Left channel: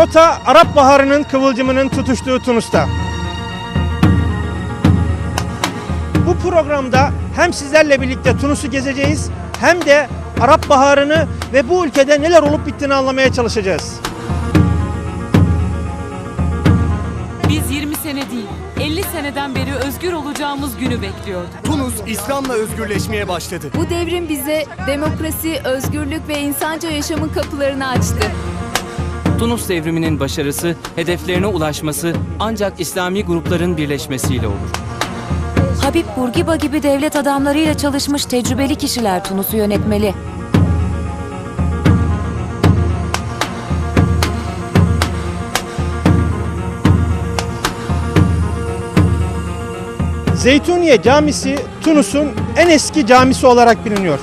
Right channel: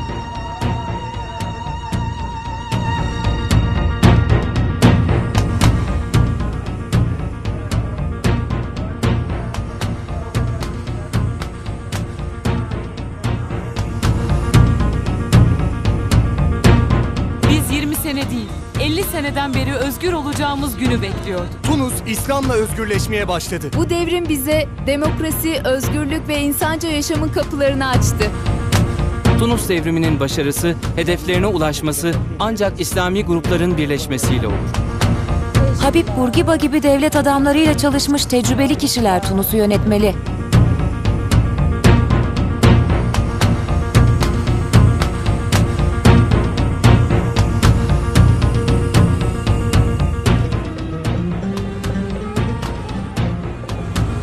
Rota Arap Baharı'nın kıvılcımının tutuştuğu Tunus'ta. Bu programda hem sizlerle birlikte Tunus'u gezeceğiz hem de Arap Baharı'nı ve bu ülkede neler olup bittiğini anlamaya çalışacağız. Biz 20 sene değil, 50 seneden beri özgür olacağımız günü bekliyorduk. Tunus İslam'la özgürleşmeye başladı. Bu devrim bize demokrasi, özgürlük ve insanca yaşamın kapılarını açtı. Tunus devriminin başarısı, hedeflerine ulaşması ancak İslami grupların birleşmesiyle olur. Habib Bourguiba gibi devlet adamlarıyla çalışmış tecrübeli kişiler Tunus'u yönetmeli. Zeytuniye Camisi Tunus'un en eski camisi olarak biliniyor.